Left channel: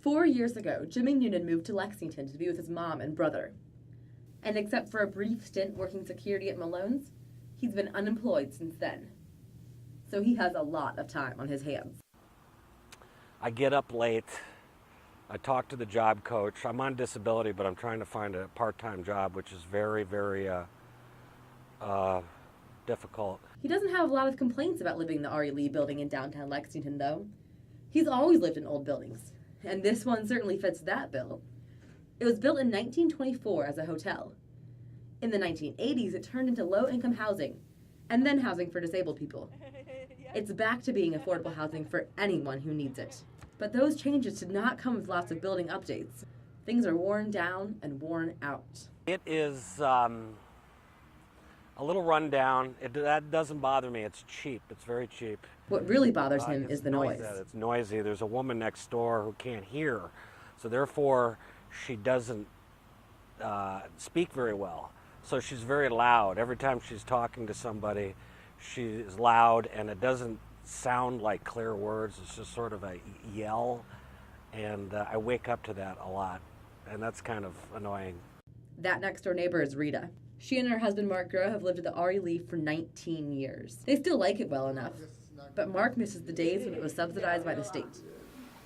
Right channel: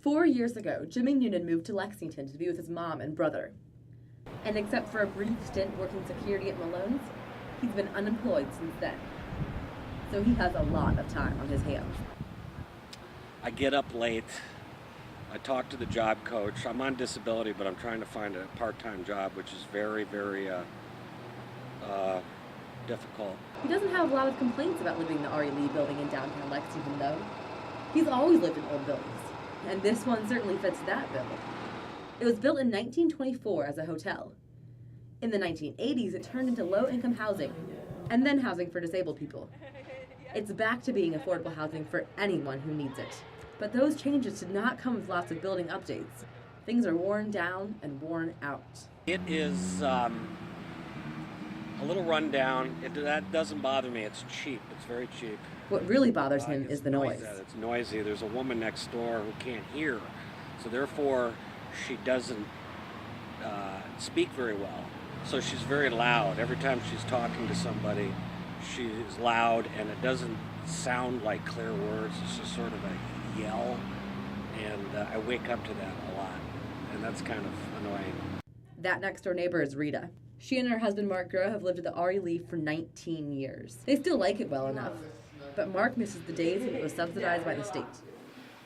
4 years ago, Jimmy Noonan moved to Lexington to be with his mom and brother. And except for a brief stint working security at Malone's, he's been unemployed since then. So he has a lot of time on his hands. I get up late. I talk to the job coach. I'm on disability, but I'm trying to find a part-time job, which is very, very difficult. He doesn't have a lot of complaints about living in the R.E. Lee building in downtown Lexington, though. He's always lived in old buildings, and this one certainly fits that bill. It was built in 1924 as a hotel. In the 1980s, it turned into low-income housing, and then housing for disabled people. It's back to being affordable housing for anyone who needs it. But those changes did not come with lots of building updates. Things are worn down and worn out. It is a little run down. That doesn't bother me. It's cheap. It's very cheap. What really bothers him is the noise. It's noisy. There's a woman next door who can't hear, so therefore she doesn't speak very well. So she's very loud. Every time she's talking to somebody, she is loud, and it doesn't sound like clear words. It's just sort of a yell, and I wake up to that a lot, and that's kind of annoying. That next door neighbor is Rita. She and her husband Mark Groh have lived at the R.E. Lee for 19 years. They still like it well enough, but Mark misses the days when it was subsidized by the state.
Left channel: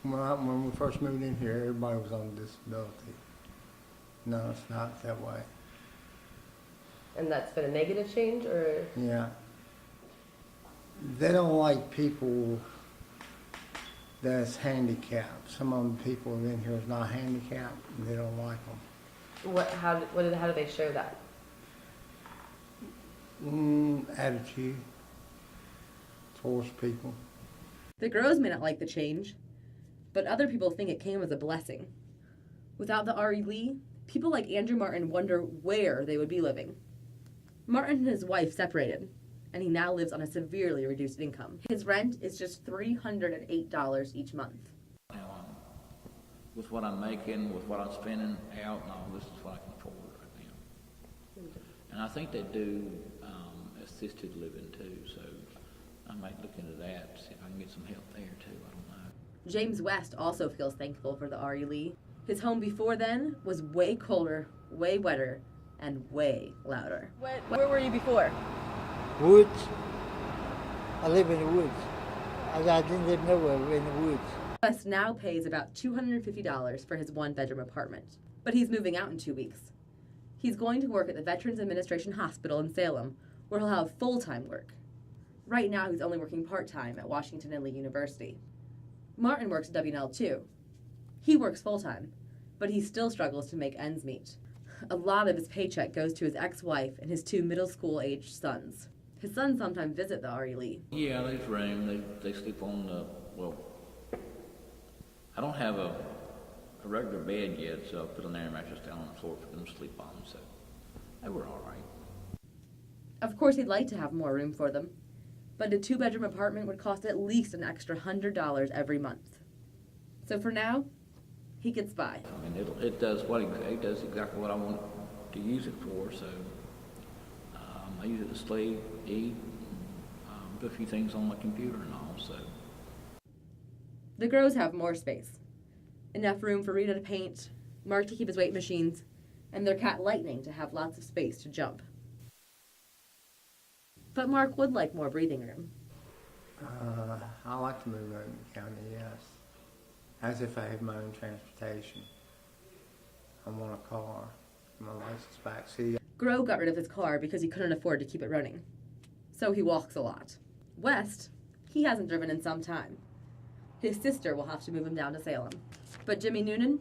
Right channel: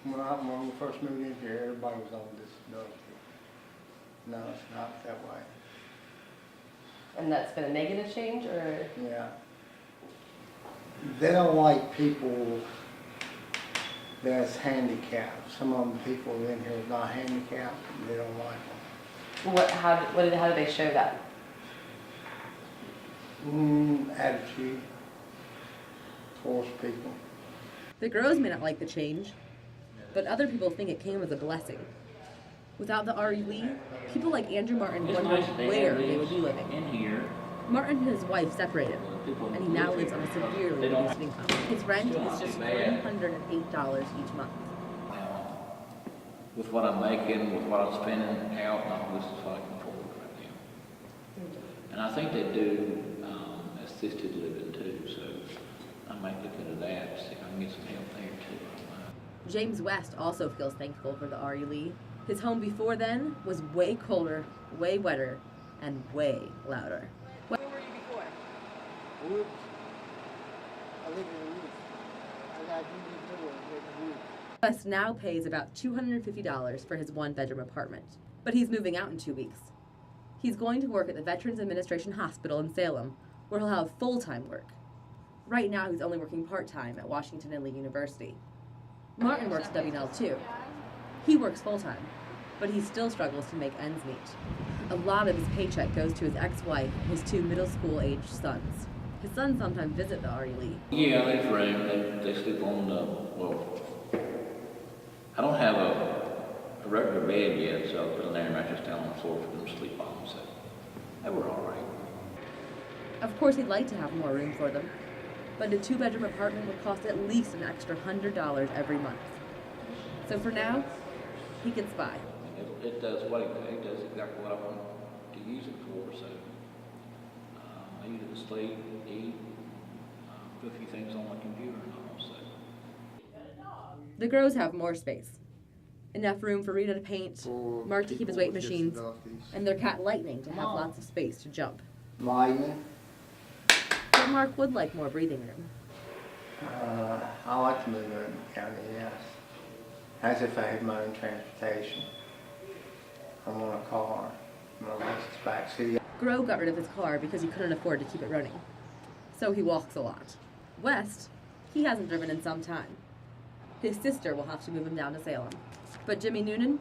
When we first moved in here, everybody was on disability. No, it's not that way. And that's been a negative change, or? Yeah. They don't like people that's handicapped. Some of them people in here is not handicapped, and they don't like them. How do they show that? Attitude towards people. The Grohs may not like the change, but other people think it came as a blessing. Without the R.E. Lee, people like Andrew Martin wonder where they would be living. Martin and his wife separated, and he now lives on a severely reduced income. His rent is just $308 each month. With what I'm making, with what I'm spending out, this is what I can afford right now. And I think they do assisted living too, so I might look into that, see if I can get some help there too. James West also feels thankful for the R.E. Lee. His home before then was way colder, way wetter, and way louder. Where were you before? Woods. I live in the woods. I didn't live nowhere. We're in the woods. West now pays about $250 for his one-bedroom apartment, but he's moving out in 2 weeks. He's going to work at the Veterans Administration Hospital in Salem, where he'll have full-time work. Right now, he's only working part-time at Washington and Lee University. Martin works at W&L too. He works full-time, but he still struggles to make ends meet. A lot of his paycheck goes to his ex-wife and his 2 middle school-aged sons. His sons sometimes visit the R.E. Lee. Yeah, there's room. They sleep on I don't have a regular bed yet, so I put an air mattress down on the floor for them to sleep on, so they were all right. Of course, he'd like to have more room for them, but a 2-bedroom apartment would cost at least an extra $100 every month. So for now, he gets by. I mean, it does exactly what I want to use it for, so I use it to sleep, eat, do a few things on my computer and all, so. The Grohs have more space. Enough room for Rita to paint, Mark to keep his weight machines, and their cat Lightning to have lots of space to jump. Lightning. But Mark would like more breathing room. I like to live in the county, yes. As if I had my own transportation. I want a car. I'm on Lexus backseat. Groh got rid of his car because he couldn't afford to keep it running. So he walks a lot. West, he hasn't driven in some time. His sister will have to move him down to Salem. But Jimmy Noonan,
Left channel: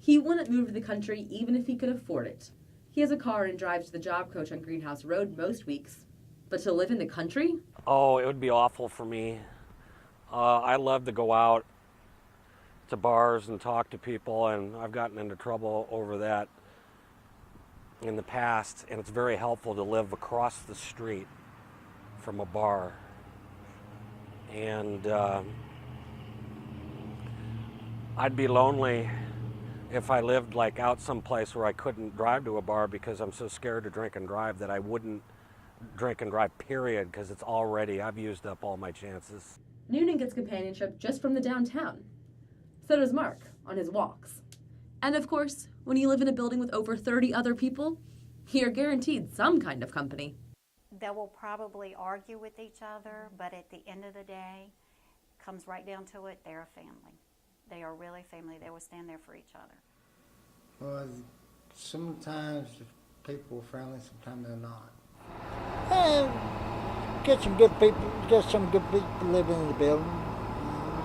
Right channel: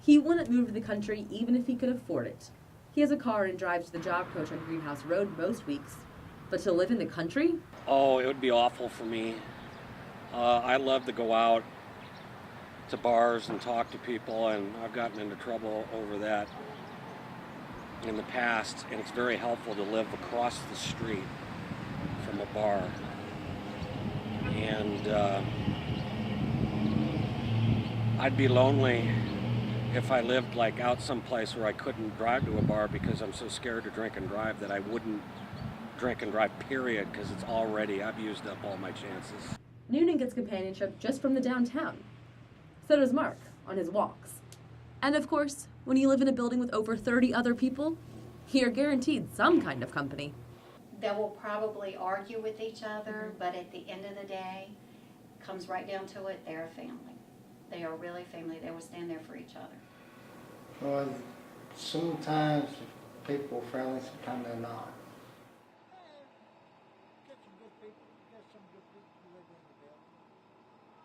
he wouldn't move to the country even if he could afford it. He has a car and drives to the job coach on Greenhouse Road most weeks. But to live in the country? Oh, it would be awful for me. I love to go out to bars and talk to people, and I've gotten into trouble over that in the past, and it's very helpful to live across the street from a bar. And I'd be lonely if I lived like out someplace where I couldn't drive to a bar because I'm so scared to drink and drive that I wouldn't drink and drive, period, because I've used up all my chances. Noonan gets companionship just from the downtown. So does Mark. on his walks. And of course, when you live in a building with over 30 other people, you're guaranteed some kind of company. They will probably argue with each other, but at the end of the day, comes right down to it, they're a family. They are really family. They will stand there for each other. Well, sometimes people are friendly, sometimes they're not. Get some good people, get some good people living in the building,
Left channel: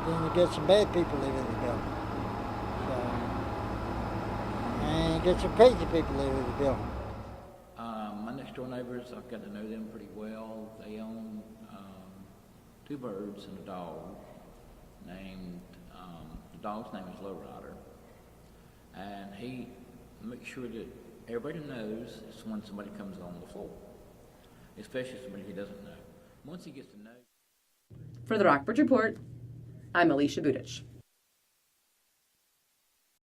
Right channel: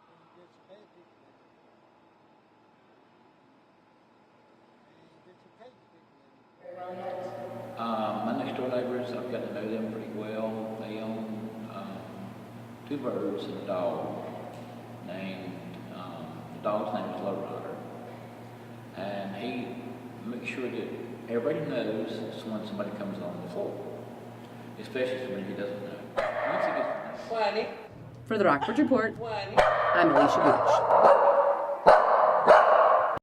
and then you get some bad people living in the building. So, and get some crazy people living in the building. My next door neighbors, I've got to know them pretty well. They own 2 birds and a dog named, the dog's name is Low Rider. And he makes sure that everybody knows when somebody comes on the floor, especially when he doesn't know. Once he gets to know. For the Rockbridge Report, I'm Alicia Budich.